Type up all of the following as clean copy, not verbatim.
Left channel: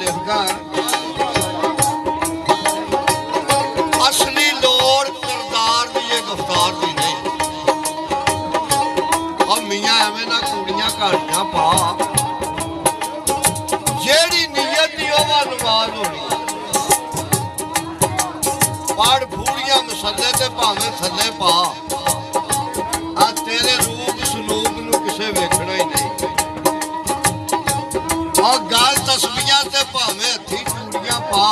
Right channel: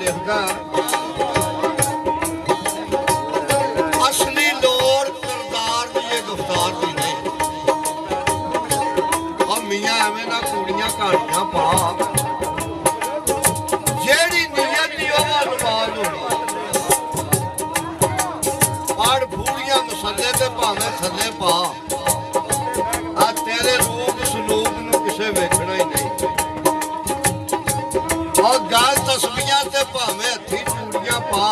ਲਿਖਦਾ ਅਸਲੀ ਲੋੜ ਕਿਰਦਾਰ ਦੀ ਇਹ ਗੁਫ਼ਤਾਰ ਦੀ ਨਹੀਂ। ਆ ਮੀਆਂ ਐਵੇਂ ਨਾ ਕੁੜੀਆਂ ਘਾੜੀਆਂ ਪਾ, ਜਿਹੜੀ ਨੀਅਤ ਦੀ ਉਹ ਨਮਾਜ਼ ਹੋਣੀ। ਪੜ ਫੂੜੀਆਂ ਮਸੱਲੇ ਤੇ ਭਾਵੇਂ ਥੱਲੇ ਪਾ, ਆ ਤੇਰੇ ਰੂਪ ਸਲੂਕ ਨੂੰ ਕਿਸੇ ਵੇਖਣਾ ਹੀ ਨਹੀਂ। ਆ ਗੱਲ ਤਸਬੀਹਾਂ ਤੇ ਭਾਵੇਂ ਹੱਥੀ ਚੂੜੀਆਂ ਪਾ,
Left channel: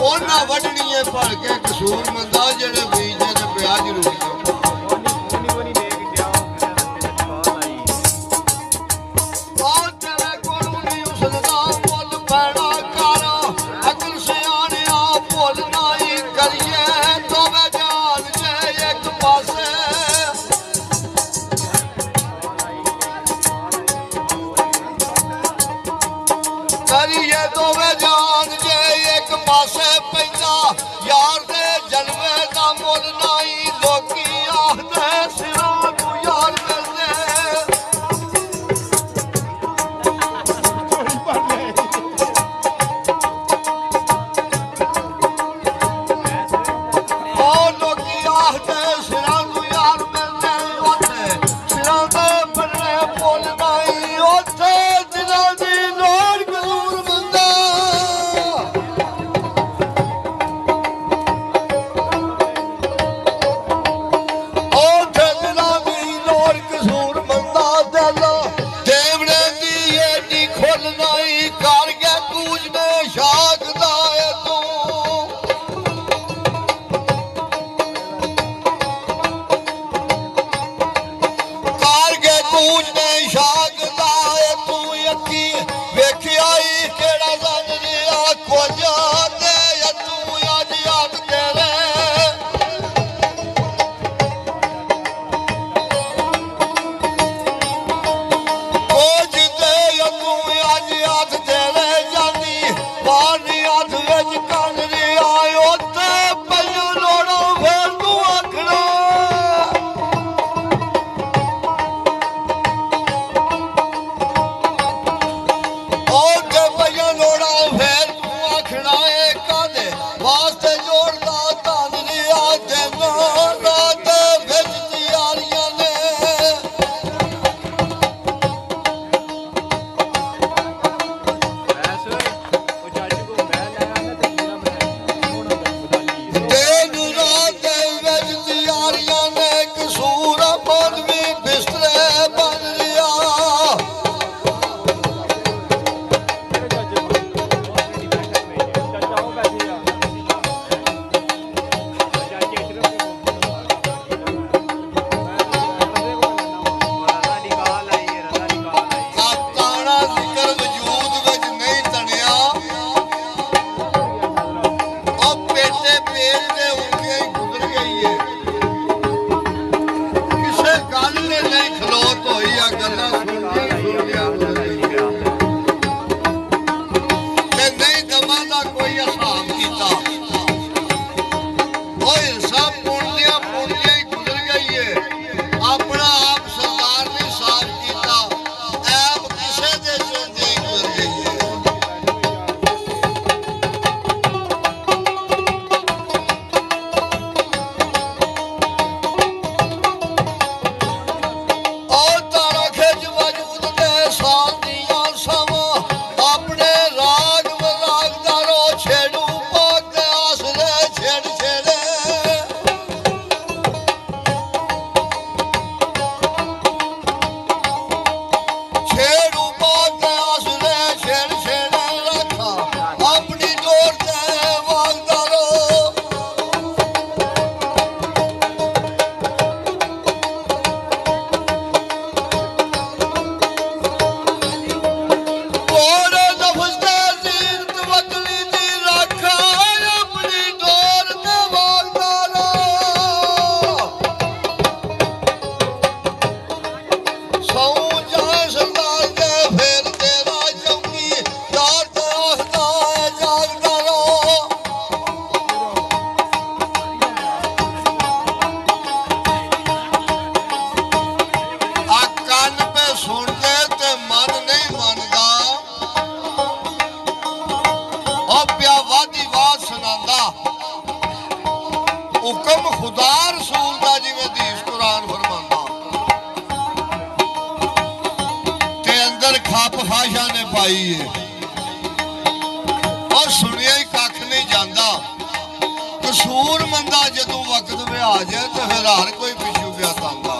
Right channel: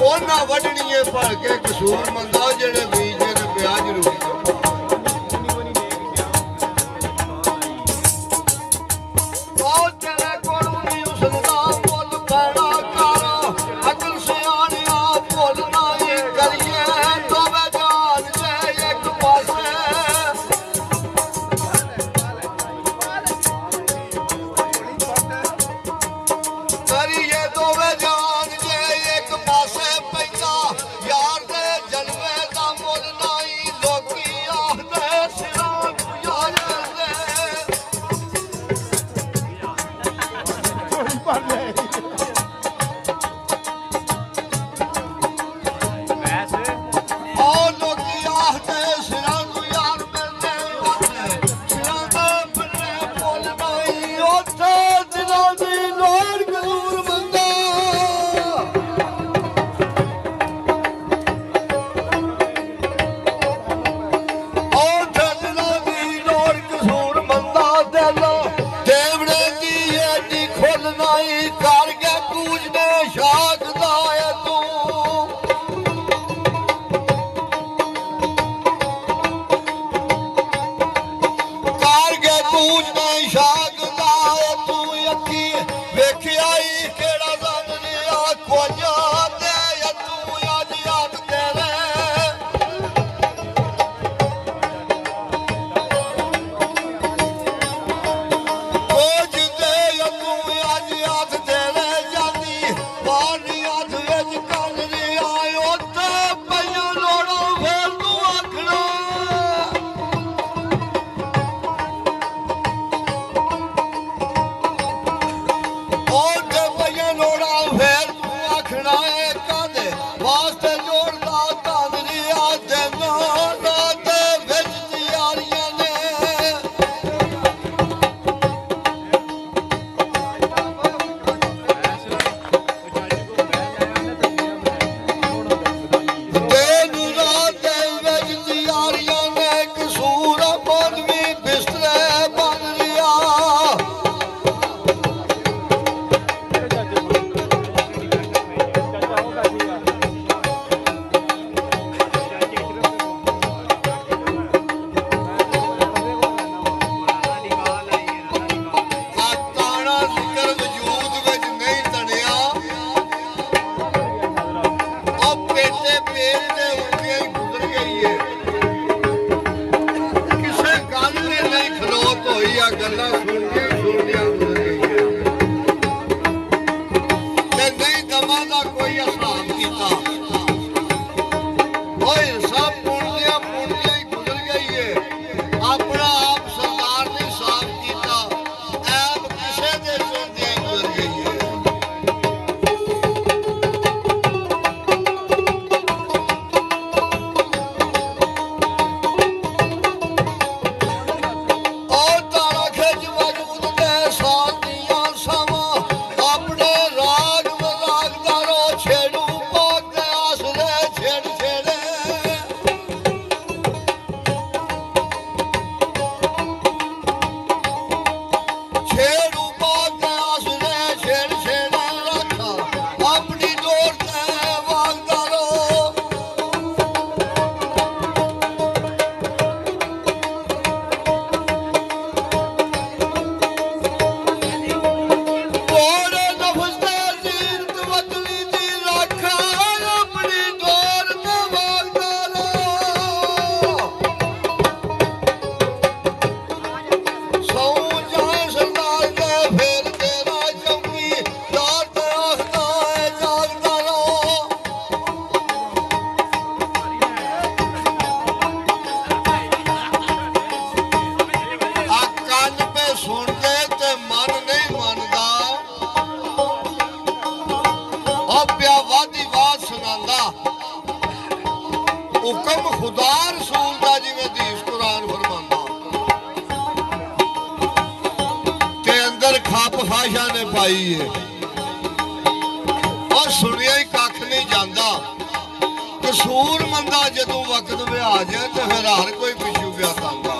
ਉਹਨਾਂ ਵੱਢਣੀਏ ਭਰ ਕੇ ਕਸੂਰ ਮੰਦਾ ਜਿਹੜੇ ਬੀਜੇ ਨੇ ਪਿਆ ਜ਼ਰੂਰੀ। ਆਪਣੇ ਰਾਗ ਮਜ਼ਾਕ ਦਾ ਰੋ ਛੇੜੂ ਪਾਕ हुक्म खुदा रसूल का जिवें हदीस कुरान फरमांदा ते अंदर खप खाशा ने पाई है और सुनिया ही कख नहीं जाता। कसूर मंदा जदों वक्त में आ जाए तो फिर हर कोई पिछू पिया तांगा।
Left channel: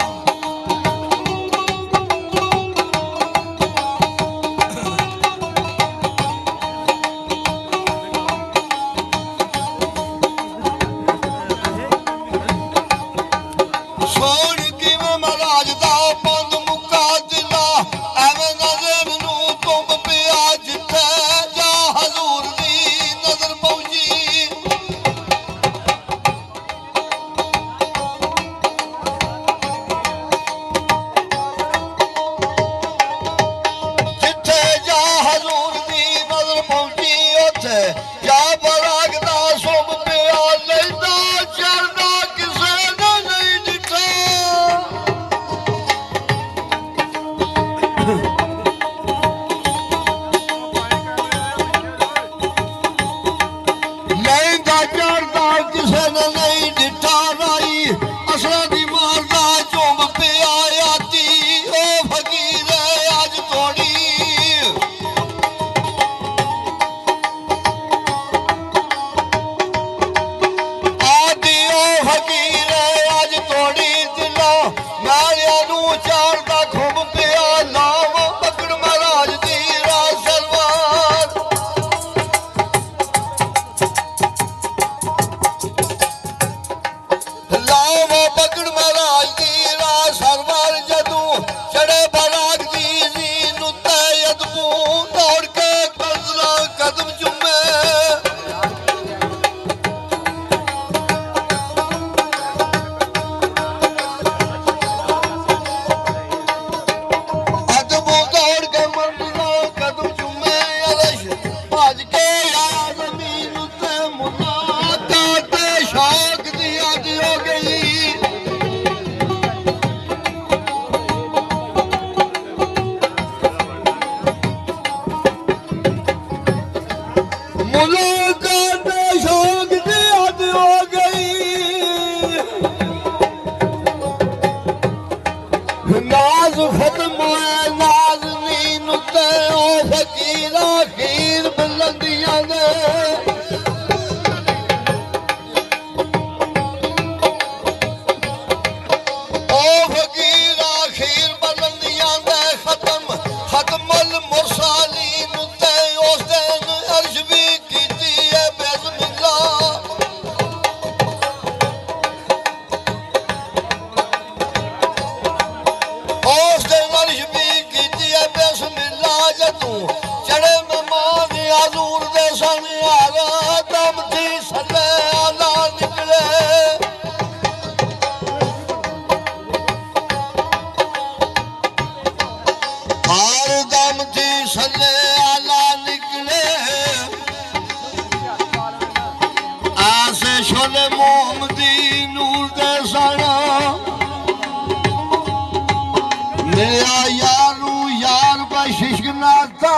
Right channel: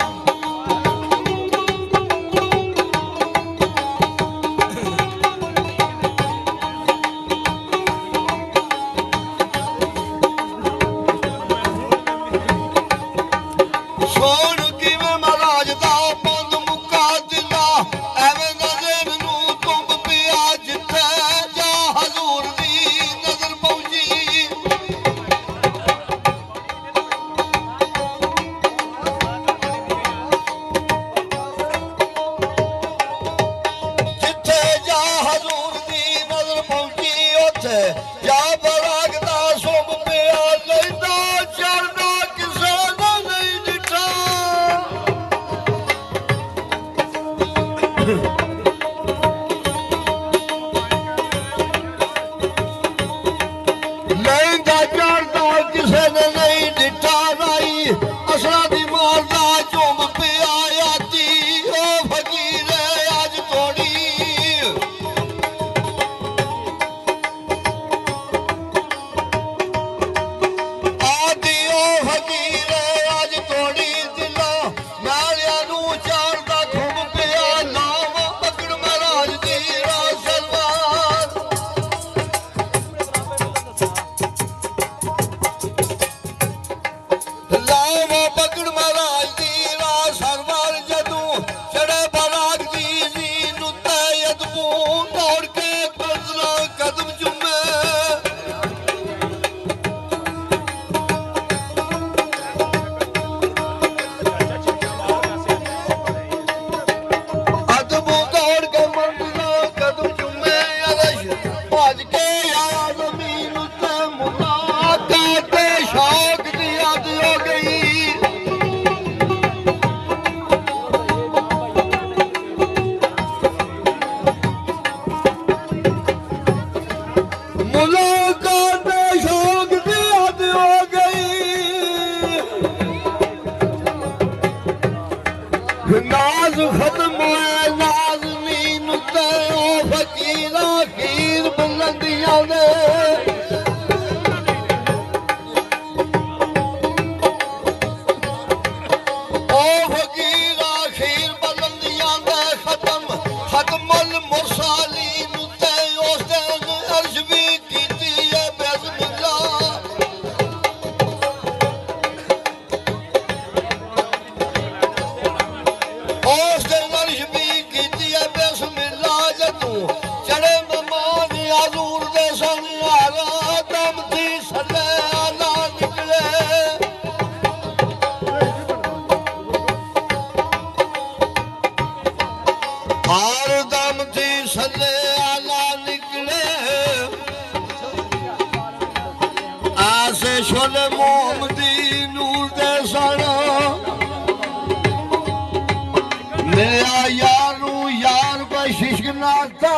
मेरा यारू यार बशिश नाता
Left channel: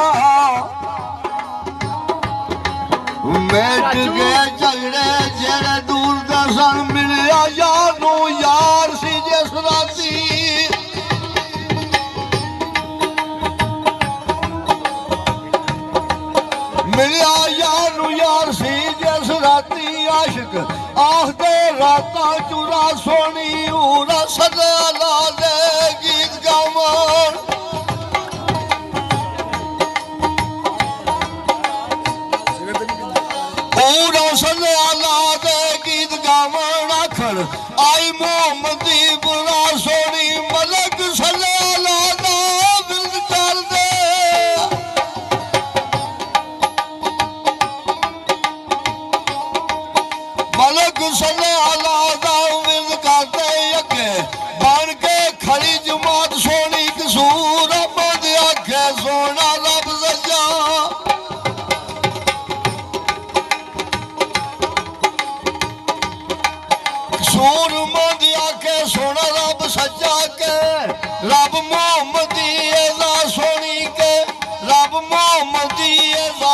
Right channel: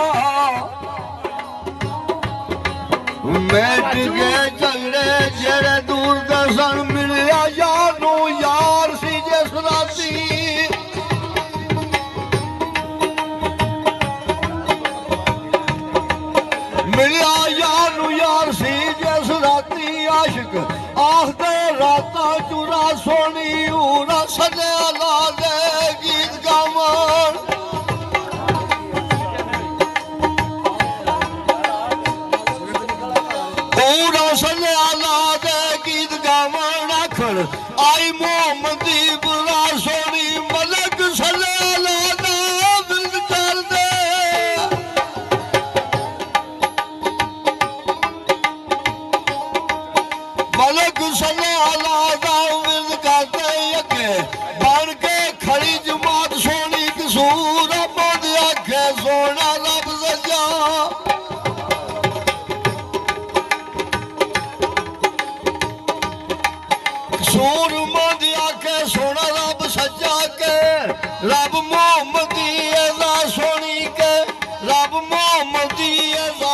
बैठ गए झगड़े जेड़े दूर दर्शन मिलिया यारू यार सी जिस राती मिलिया यारू यार सी जिस राती आशिक आखदे राता चूरा सोनी ऊरा सदे ला दे गीत गावन ऊरा सदे ला दे गीत गावन आखड़ आई मोहम्मदी बुरा सोनी मलक सदे ला दा बिंद कर दे मलक सदे ला दा बिंद करते अगे बन के खड़ी जमात सोनी कसूर अपने आखे सोना रब सजा कसूर मोदी आखे सोना रब सजा के रब मोहम्मदी एदा सोनी के रब मोहम्मदी एदा